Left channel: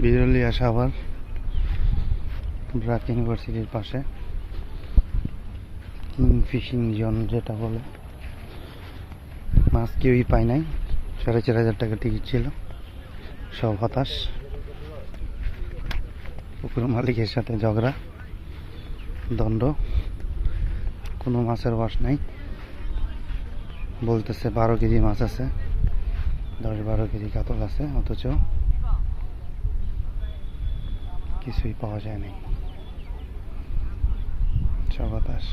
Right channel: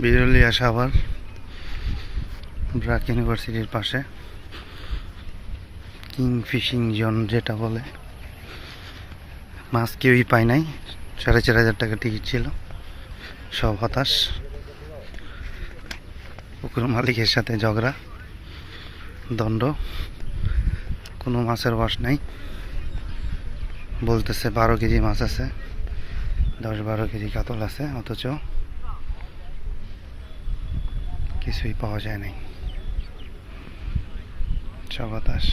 বিরলিয়া সাভার ব্র্যাক ইউনিভার্সিটির পাশে king fishing zone যেটা বলে। মাছ কেউই পায় নাই, 4,500 টাকা টিকিট ছিল, সব হতাশ। পুকুর মালিকের সাথে ঝগড়া, দণ্ড, কোনো মাছের বাস নাই। বলতেছে 12 কেজি মাছ আছে, 10-12 কেজি কাতল আছে, অথচ কিছুই পাওয়া যায় নাই, সব হতাশ।